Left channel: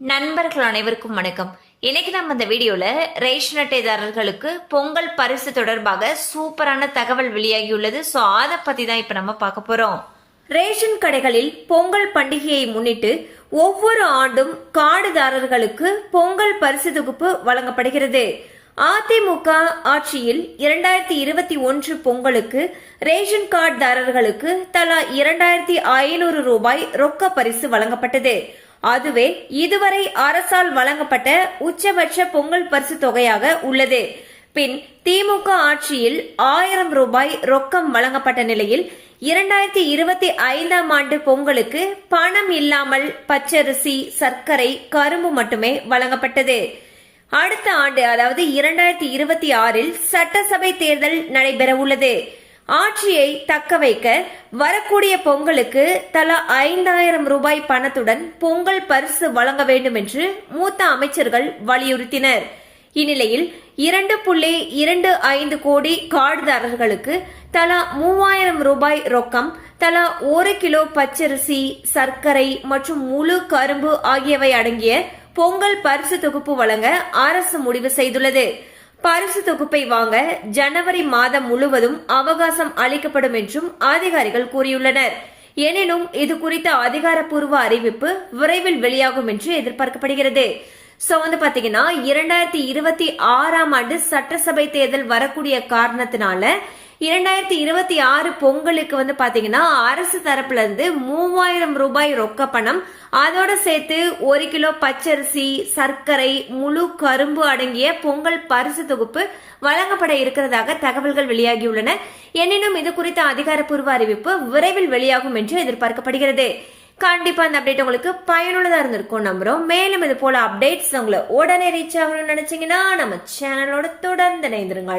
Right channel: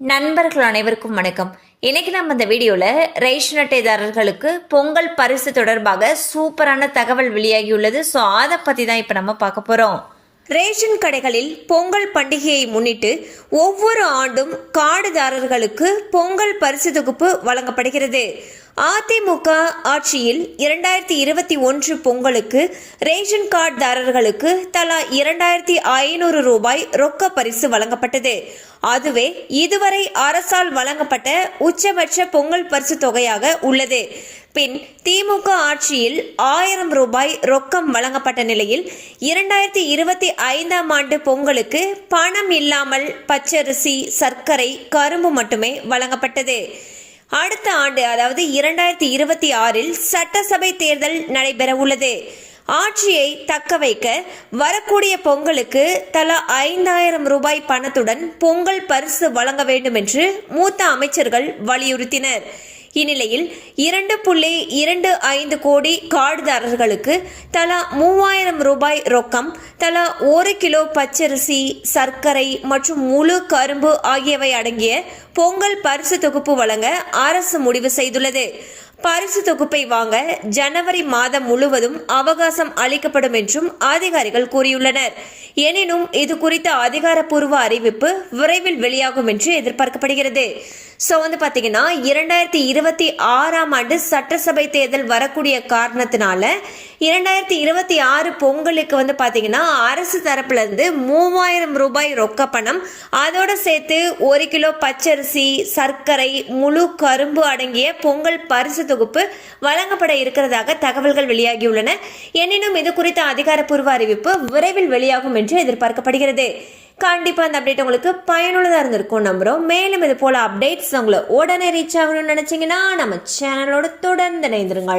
நண்பர்கள் அனைவருக்கும் வணக்கம். இன்னைக்கு நம்ம இந்த வீடியோல ரேஷன் அட்டைதாரர்களுக்கு பொங்கல் பரிசு தொடர்பாக சூப்பரான தகவல் வெளியாகியுள்ளது. ஸோ அதை பத்தி தான் இப்ப நம்ம பார்க்க போறோம். ரேஷன் கடைகளில் பொங்கல் பண்டிகையை முன்னிட்டு ஒவ்வொரு ஆண்டும் கார்டுதாரர்களுக்கு பொங்கல் பரிசு தொகுப்பு வழங்கப்படுகிறது. அதிமுக ஆட்சியில் 2021 பொங்கலுக்கு ரேஷன் கார்டுதாரர்களுக்கு தலா 2500 ரூபாய் ரொக்க பரிசு வழங்கப்பட்டது. அதுவே இதுவரை அரசால் வழங்கப்பட்ட உச்சபட்ச பொங்கல் பரிசு தொகையாக உள்ளது. பின் திமுக ஆட்சியில் 1000 ரூபாய் ரொக்கம் வழங்கப்பட்ட நிலையில் 2025ஆம் ஆண்டு பொங்கலுக்கு பணம் இல்லாமல் பச்சரிசி, சர்க்கரை, கரும்பு மட்டுமே வழங்கப்பட்டது. அடுத்த ஆண்டு அதாவது 2026இல் சட்டசபை தேர்தல் நடைபெற உள்ளது. ஆட்சியை தக்க வைக்க வரக்கூடிய பொங்கலுக்கு தலா 5000 ரூபாய் பணத்துடன் பொங்கல் பரிசு வழங்க வேண்டும் என்று மூத்த அமைச்சர்கள் வலியுறுத்தினர். இந்நிலையில் 2.25 கோடி கார்டுதாரர்களுக்கு தலா 3000 ரூபாய் ரொக்கம், தலா 1 கிலோ பச்சரிசி, சர்க்கரை மற்றும் முழு கரும்பு ஆகியவை அடங்கிய பொங்கல் பரிசு தொகுப்பு வழங்க அரசு முடிவு செய்துள்ளது. பரிசு தொகுப்பை வாங்க ஜனவரி மாதம் முழுவதும் அவகாசம் அளிக்கப்படும் என்றும் அதிகாரிகள் கூறியுள்ளனர். எனினும் இது குறித்த அதிகாரப்பூர்வ அறிவிப்பு விரைவில் வெளியாகும் என்று எதிர்பார்க்கப்படுகிறது. ஸோ பாத்தீங்கன்னா 2026ஆம் ஆண்டு சட்டசபை தேர்தல் வரக்கூடிய காரணத்தினால 2026 பொங்கலுக்கு பாத்தீங்கன்னா அரசு தரப்புல இருந்து 3000 ரூபாய் ரொக்க பணம், அதோட சேர்த்து 1 கிலோ பச்சரிசி, சர்க்கரை, முழு கரும்பு அடங்கிய பொங்கல் பரிசு தொகுப்பு வழங்கப்பட இருக்கிறதாக தகவல்கள் வெளியாகியுள்ளன. எனினும் இது குறித்த அதிகாரப்பூர்வ அறிவிப்பு விரைவில் வெளியாகும் என்று எதிர்பார்க்கப்படுகிறது. கண்டிப்பா இந்த அப்டேட் உங்களுக்கு பயனுள்ளதா இருந்திருக்கும் நம்புறோம். மேலும் இது போல அப்டேட்ஸ் உங்களை உடனே ரீச் ஆகணும்னு நினைச்சீங்கன்னா நம்ம சேனலோட தொடர்ந்து இணைந்திருங்கள்.